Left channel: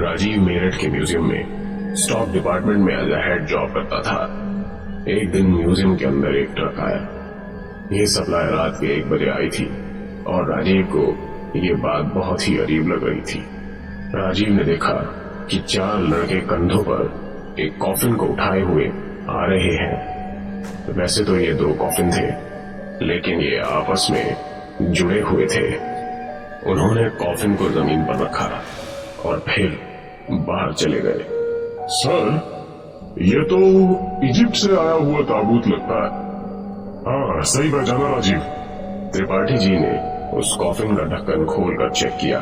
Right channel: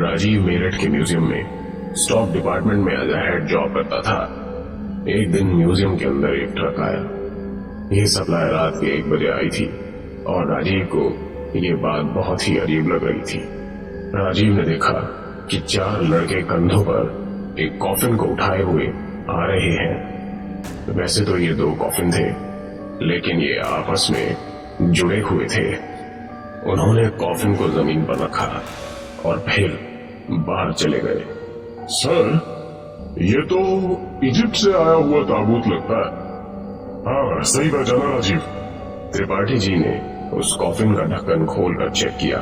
राजीव मेरठ के म्यूजियम में stock department में एज अ हेड जॉब करता था। एक दिन म्यूजियम के अंदर एक ट्रक आया। यह सप्लाई रात के 1 बजे आई थी और राजीव को ये बात बहुत ही अजीब लग रही थी। राजीव ने देखा कि 4 लड़के कंधों पर एक कॉफिन को उठाए हुए आ रहे हैं। वैसे तो ये 2 कॉफिन थे, लेकिन ये आपस में जुड़े हुए थे। उन्होंने कॉफिन को जमीन पर रखा और फिर बाहर चले गए। सर, ये तो इजिप्ट से आया हुआ ताबूत लगता है। हाँ, सही पहचाना राजीव। त्रिपाठी जी ने उस कॉफिन का ढक्कन खोलकर चेक किया।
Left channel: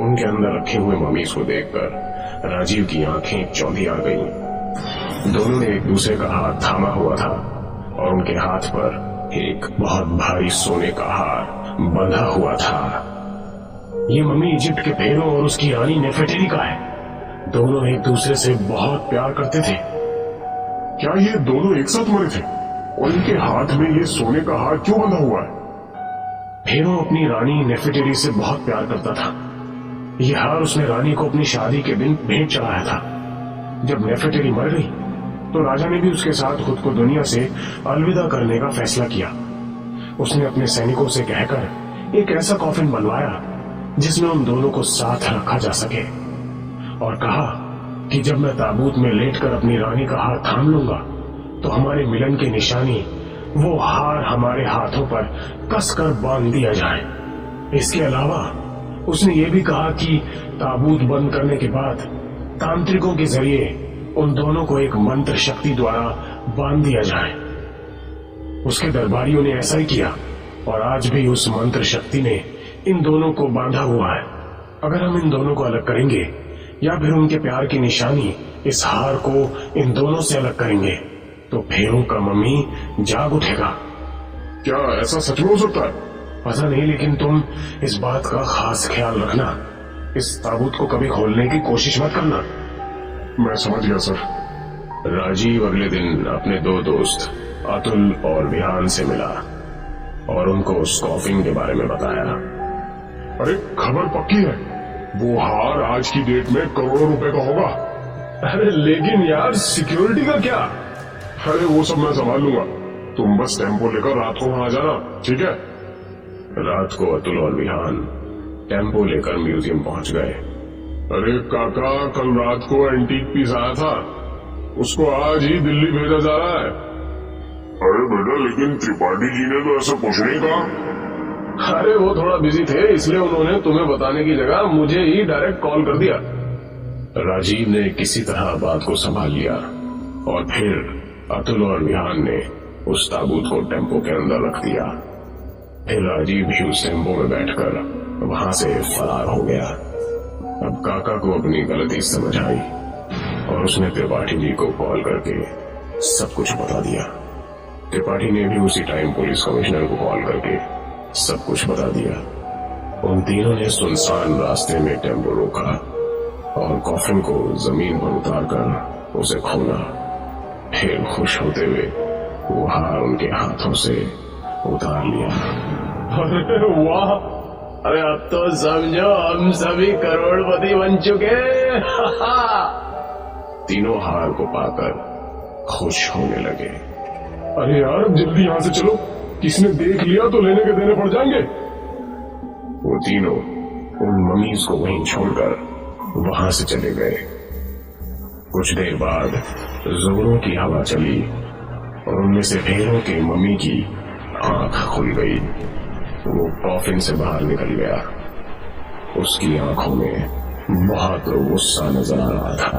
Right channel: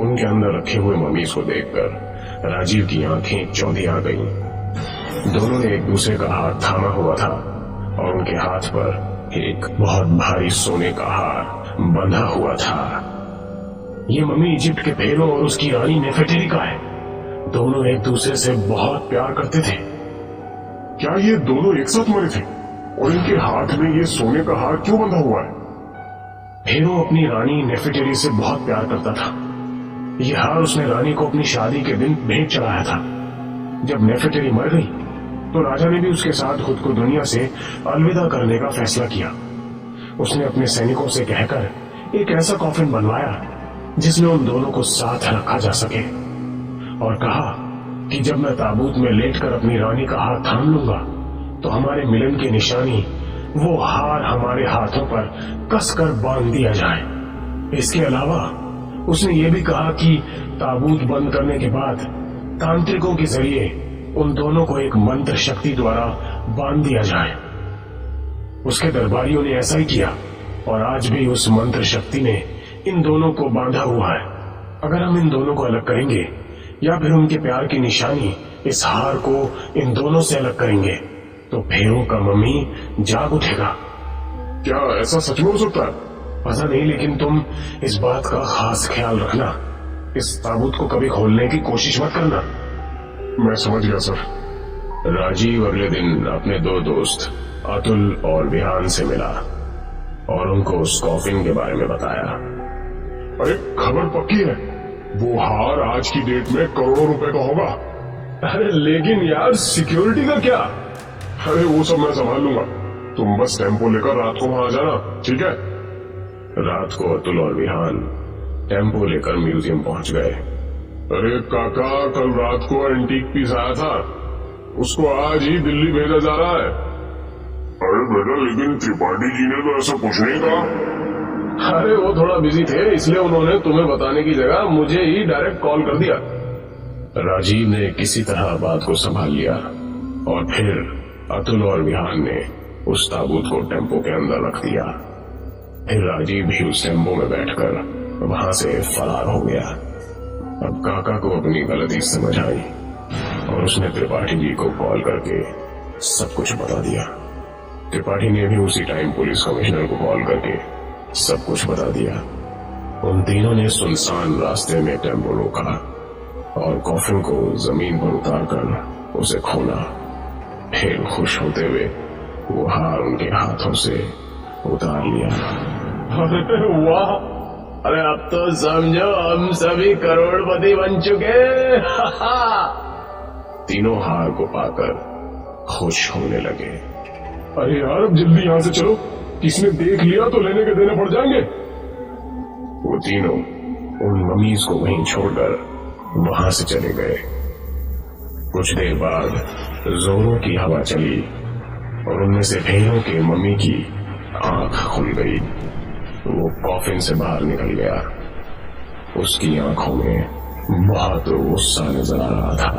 उनके अंदर रखे हुए ममीज को देखकर राजीव की आंखें चौंधी आ गईं। दोनों ने एक दूसरे का हाथ थामा हुआ था और उनके हाथ पर एक बहुत भारी सोने का हार बंधा हुआ था। ये मम्मी इजिप्ट के फेरो और उसकी रानी नेफेटेरी का है। दोनों एक दूसरे से बहुत प्यार करते थे। क्या ये दोनों एक साथ मरे थे? और इनके हाथ में ये सोने का हार क्यों बंधा हुआ है? फेरो अपनी रानी नेफेटेरी से बहुत प्यार करता था। यह हार उसने रानी को अपनी शादी के दिन भेंट चढ़ाया था। जब नेफेटेरी मर गई तो राजा ने भी उसके साथ खुद को दुनिया से अलविदा करने का फैसला किया। उसने अपने सैनिकों से कहकर एक ऐसा कॉफिन बनवाया जिसमें उन दोनों को साथ रखा जा सके, और कहा कि जब मैं ताबूत में लेटकर अपनी रानी का हाथ थाम लूंगा तो हमारे मिलन की निशानी वो हार हमारे हाथों पर कसकर बांध दिया जाए। इसके अलावा उसने ये भी कहा कि ताबूत बंद करने के बाद तांत्रिकों के जरिए उन दोनों को एक मंत्र शक्ति द्वारा बांध दिया जाए। उसके दरबारियों ने ऐसा ही किया और आज भी उस मंत्र शक्ति ने इन दोनों को बांधा हुआ है। अगर हम इन दोनों को अलग करेंगे या फिर उनके प्यार की निशानी इस हार को इन दोनों से अलग करेंगे तो फेरो का मम्मी जाग उठेगा। क्या ऐसा सच में हो सकता है? पता नहीं, लेकिन तुम इस बात का खास ख्याल रखना। इस ताबूत को कभी खोलने की कोशिश मत करना। मैं समझ गया सर। राजीव अगले दिन अपने 2 दोस्त अतुल और विहान से मिला और उनको उस कॉफिन के बारे में बताया। अरे, खबर पक्की है। वो हार आज की डेट में करोड़ों रुपए का होगा। अरे लेकिन यार, सिक्योरिटी का क्या? अरे वो सब मैं संभाल लूंगा। तुम बस टेम्पो लेकर रात को वहां आ जाना, ठीक है? रात को अतुल और विहान टेम्पो लेकर म्यूजियम पहुंच गए। अरे काका, कल रात को एंटीक पीस आया था, उसको आज ही दिल्ली भेजा जा रहा है। अरे बेटा, लेकिन त्रिपाठी जी ने तो ऐसा कुछ नहीं कहा। अरे वो थोड़ा बिजी थे, इसलिए उन्होंने तुम्हें बताने की जगह मुझे ही डायरेक्ट कॉल कर दिया। राजीव ने किसी तरह बात को संभाल लिया और फिर अतुल और विहान ने उस ताबूत को टेम्पो के अंदर रख दिया। फिर राजीव भी उस टेम्पो में बैठकर वहां से फरार हो गया। अब काका को अपनी गलती समझ आई और उसने त्रिपाठी जी को कॉल करके सब कुछ बता दिया। त्रिपाठी ने भी उसी टाइम पुलिस कमिश्नर को कॉल करके सब कुछ बता दिया। उन तीनों ने सुनसान रास्ते में टेम्पो रोका और कॉफिन को जमीन पर उतारकर उसे खोला। फिर खुश होते हुए वो हार उनके हाथों से उतार लिया। अरे वाह! अरे अब तो समझो हम सभी करोड़पति बन चुके। तीनों हार को पाकर खुश होने लगे। अरे यार, अब जल्दी यहाँ से चलो, किसने देख लिया तो लेने के देने पड़ जाएंगे। वो तीनों उन ममीज को वहीं छोड़कर वहां से चले गए। कुछ देर बाद जोरों की हवा चली और उनमें से फेरों के मम्मी की आंख खुल गई। वो कॉफिन से बाहर निकल गया। उसकी आंखों में बहुत गुस्सा नजर आ रहा था।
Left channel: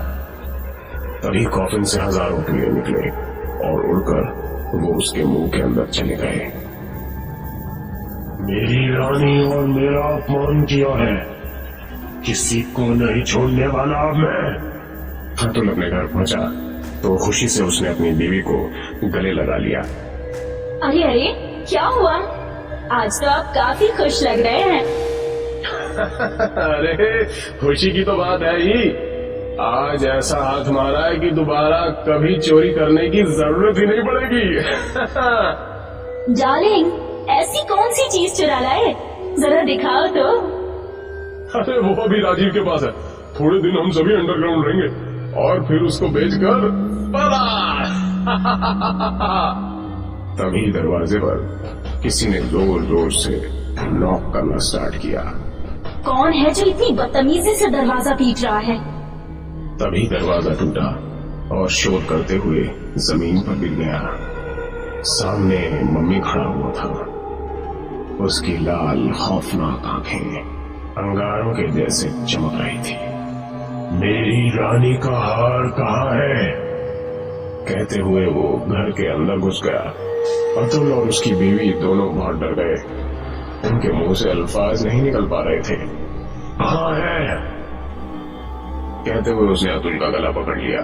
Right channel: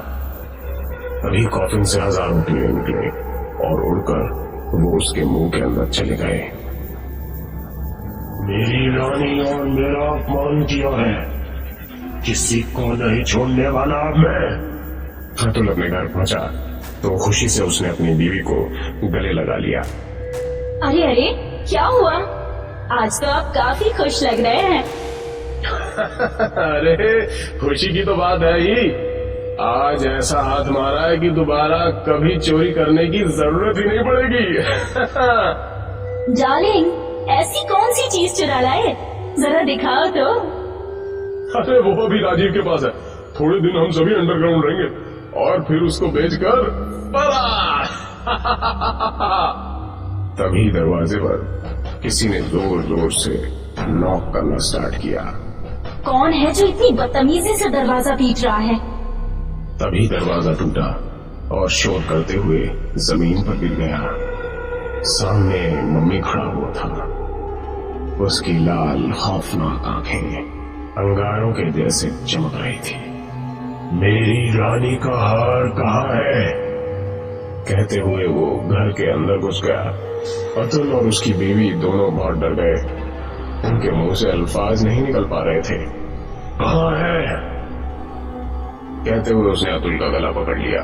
तभी कॉफिन से हजारों कीड़े निकले और उड़कर वो उसके मुंह के अंदर चले गए। मेरी रानी और मेरा अपमान किया है, किसी को नहीं छोड़ने वाला अब मैं। अतुल अपने घर पहुंचा तो खुशी से उसने अपनी बीवी को गले लगा लिया। अरे अरे, क्या हुआ? आज तो आप काफी खुश लग रहे हैं। अरे खुशी की तो बात है ही। आज ऐसा हाथ मारा है कि दोबारा कभी चोरी करने की जरूरत ही नहीं पड़ेगी। डार्लिंग, ऐसी कौन सी चीज चुरा लाए? जरा दिखाओ तो। अरे वो अभी राजीव के पास है, थोड़े दिन हम सभी अंडरग्राउंड रहेंगे और फिर उसको बेचकर फरार। तभी दरवाजे पर किसी ने जोर जोर से नॉक करना स्टार्ट किया। कौन है जो इतनी बदतमीजी से दरवाजा पीट रहा है? तभी दरवाजा टूटा और शोर करते हुए जमीन पर गिर गया। सामने मम्मी खड़ा हुआ था। उसकी लाल खौफनाक आंखें अंगारों के जैसे चमक रही थी। मेरी रानी का हार कहाँ है? कहते हुए वो घर के अंदर घुस गया। अतुल और उसकी बीवी दोनों बहुत डर गए। उनके मुंह से अल्फाज नहीं निकल पा रहे थे। कहाँ है? कहते हुए उसने अतुल का गला पकड़ लिया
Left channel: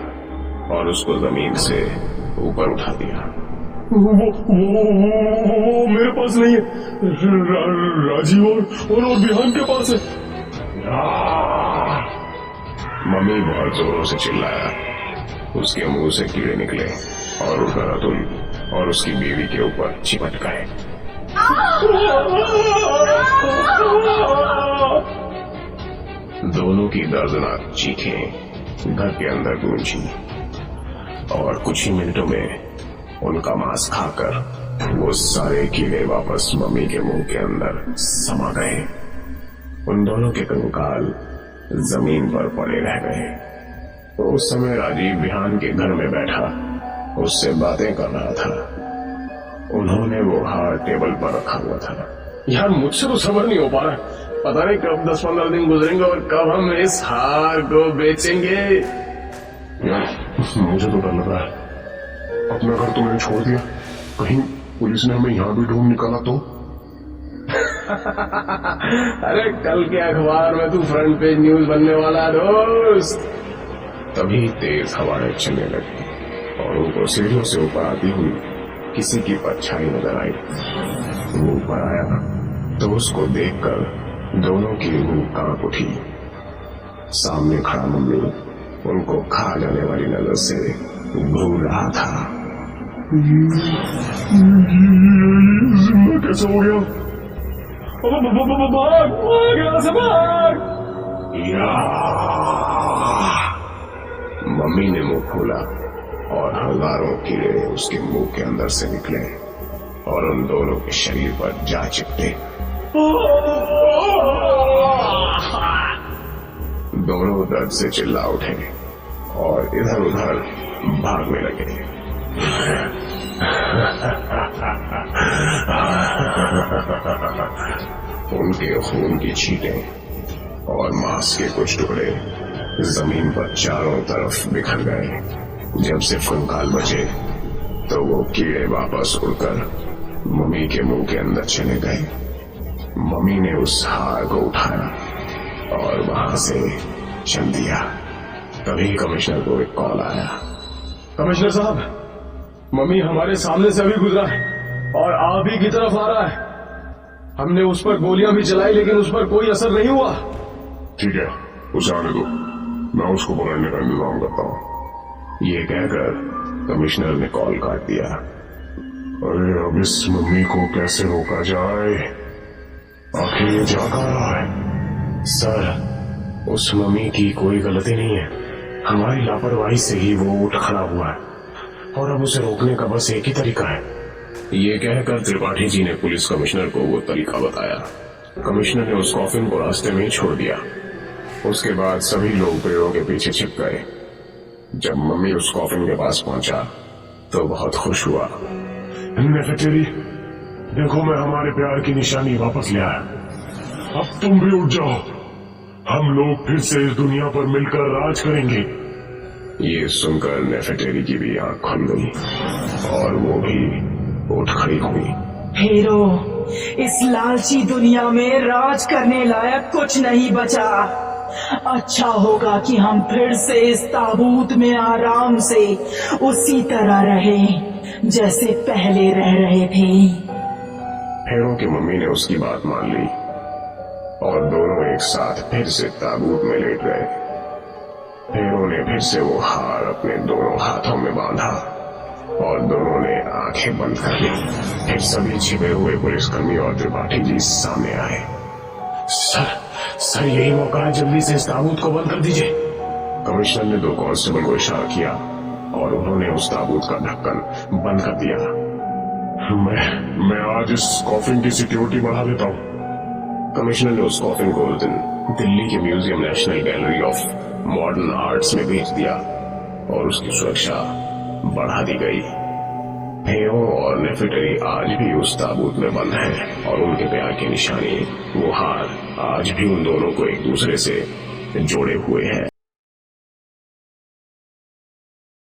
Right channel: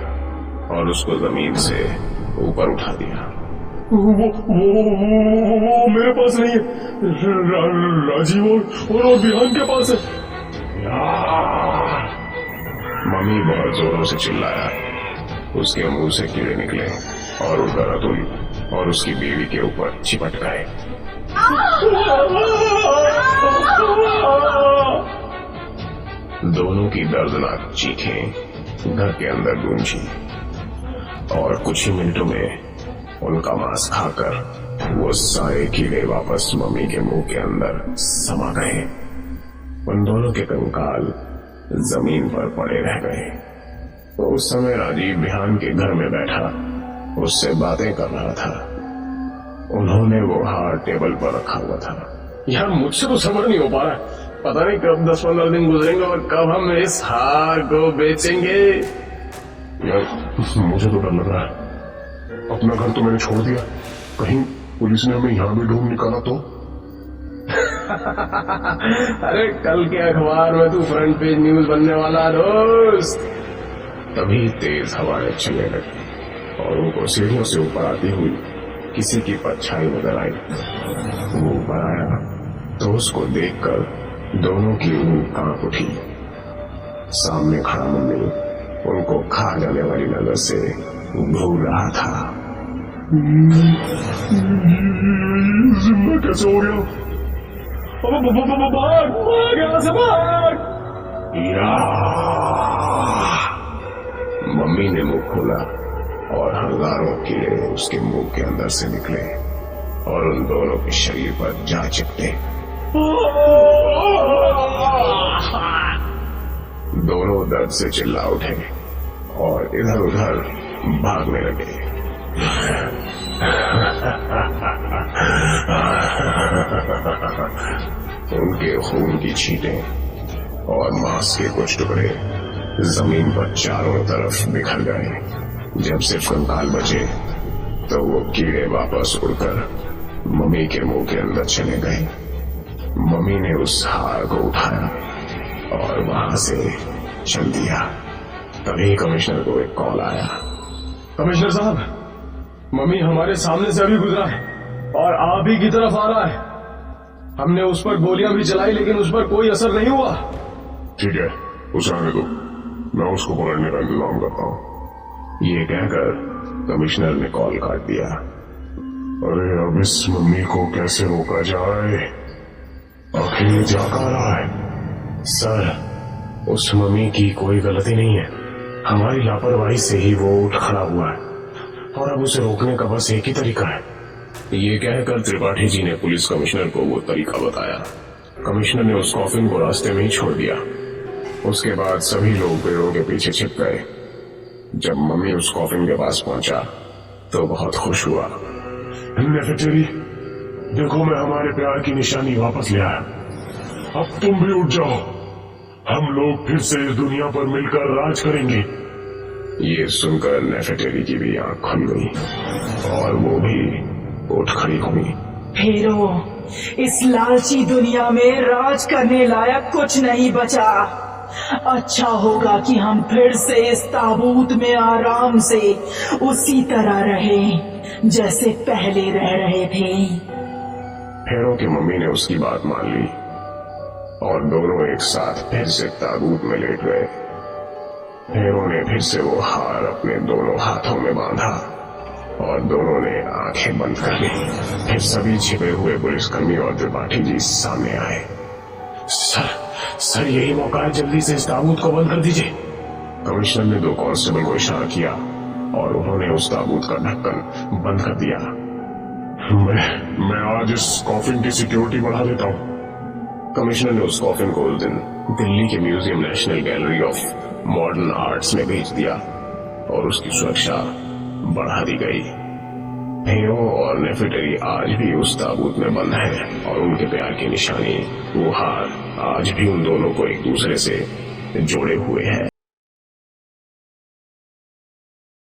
और उसको जमीन से ऊपर उठा दिया। वो मेरे पास नहीं है। राजीव और बिहान के पास है। मम्मी बहुत जोरों से चिल्लाया। उसके मुंह से कीड़े निकले और उड़कर अतुल और उसकी बीवी के ऊपर चिपट गए। दोनों की दर्दनाक चीखें घर के अंदर गूंजी और कुछ ही मिनटों में उनका मांस खाकर वो सारे कीड़े वापस मम्मी के मुंह के अंदर समा गए। उन दोनों के कंकाल जमीन पर पड़े रह गए। तो उस समय राजीव बिहान के घर में बैठा उससे बातें कर रहा था। उन्होंने वो हार टेबल पर रखा हुआ था। यार मुझसे तो सब्र नहीं हो पा रहा है। पता नहीं कब 10-15 दिन गुजरेंगे और कब हम इस हार को बेचेंगे। यार मुझे तो डर लग रहा है। अपना घर तो मैंने छोड़ दिया, कहीं पुलिस ने हमें यहाँ भी ढूंढ निकाला तो। अरे कल के अखबार में तू फ्रंट पेज न्यूज बनने वाला है दोस्त। तभी तेज हवाएं चलने लगी और उनको सीढ़ियों से ऊपर आती हुई किसी की परछाई नजर आई। वो ऊपर आया तो उसको देखकर दोनों की रूह कांप उठी। सामने खड़ा मम्मी उनको खा जाने वाली नजर से घूर रहा था। जिंदा कैसे हो गया? भाग यहाँ से भाग। मम्मी ने मुंह खोला और हजारों कीड़े उसके मुंह के अंदर से निकले और उन दोनों के शरीर पर जा चिपटे। दोनों दर्द से चिल्ला उठे और इधर उधर भागने लगे। उनके खून की छींटें और मांस के कुछ टुकड़े जमीन पर चारों तरफ बिखर गए। जब सिर्फ कंकाल बचे तो वो कीड़े वापस उड़कर मम्मी के मुंह के अंदर चले गए। मम्मी ने उस हार को उठाया और वहां से चल दिया। तभी कमिश्नर को एक कॉल आया। कमिश्नर साहब, मम्मी हमारे सामने से अभी गुजरा है और आप ही की तरफ आ रहा है। हमने उस पर गोलियां भी चलाई लेकिन उस पर कोई असर नहीं हुआ। ठीक है, उसे आने दो, मैं उसको पकड़ने का इंतजाम करता हूँ। ये कहकर कमिश्नर ने कॉल काट दिया। अरे अब इस मम्मी को कैसे रोका जाए? आखिर ये जा कहाँ रहा है? सर, उस मम्मी की कोई गलती नहीं है। हमारी लापरवाही से ही वो उठ खड़ा हुआ है और अब उसे रोकने का बस एक ही तरीका है। ये कहकर त्रिपाठी जी ने पुलिस कमिश्नर को वो तरीका बताया। कमिश्नर ने उस कॉफिन को रास्ते में ही छोड़ दिया। उसके बाद सभी लोग पेड़ों के पीछे छिप गए। जब मम्मी उस कॉफिन के पास पहुंचा तो बहुत खुश हुआ। नेफेटेरी, देखो मैं हमारे प्यार की निशानी वापस ले आया। अब तुम भी उठ जाओ, हम लोग फिर से इस दुनिया पर मिलकर राज करेंगे। ये सुनकर नेफेटेरी की भी आंख खुल गई और वो भी उठ खड़ी हुई। फेरो, इस लालची दुनिया में राज करने लायक कुछ नहीं बचा। अच्छा होगा कि हम फिर से इस ताबूत में आराम से उसी तरह रहें जैसे पहले रह रहे थे। फेरो की मम्मी ने उसकी बात मान ली और दोनों एक साथ फिर से ताबूत में लेट गए। फेरो ने फिर से वो हार अपने दोनों हाथों में बांधा और दोनों ने आंखें बंद कर ली। फिर सभी छिपे हुए पुलिसकर्मी और त्रिपाठी जी सामने आए। सर यही मौका है, जल्दी से इस ताबूत को बंद कर दीजिए। कमिश्नर ने 2 कांस्टेबल को इशारा किया और उन्होंने उस ताबूत का ढक्कन बंद कर दिया। मैं आज इस कॉफिन की सिक्योरिटी बढ़ा देता हूँ। कमिश्नर ने उस कॉफिन को उस दिन दिल्ली के museum national gallery of modern arts में भेज दिया और उसकी सुरक्षा बढ़ा दी गई। भेड़ों और नेफेटेरी आज भी उस ताबूत में बंद हैं और उनके प्यार की निशानी, वो हार, आज भी उन दोनों को एक दूसरे से जोड़े हुए है।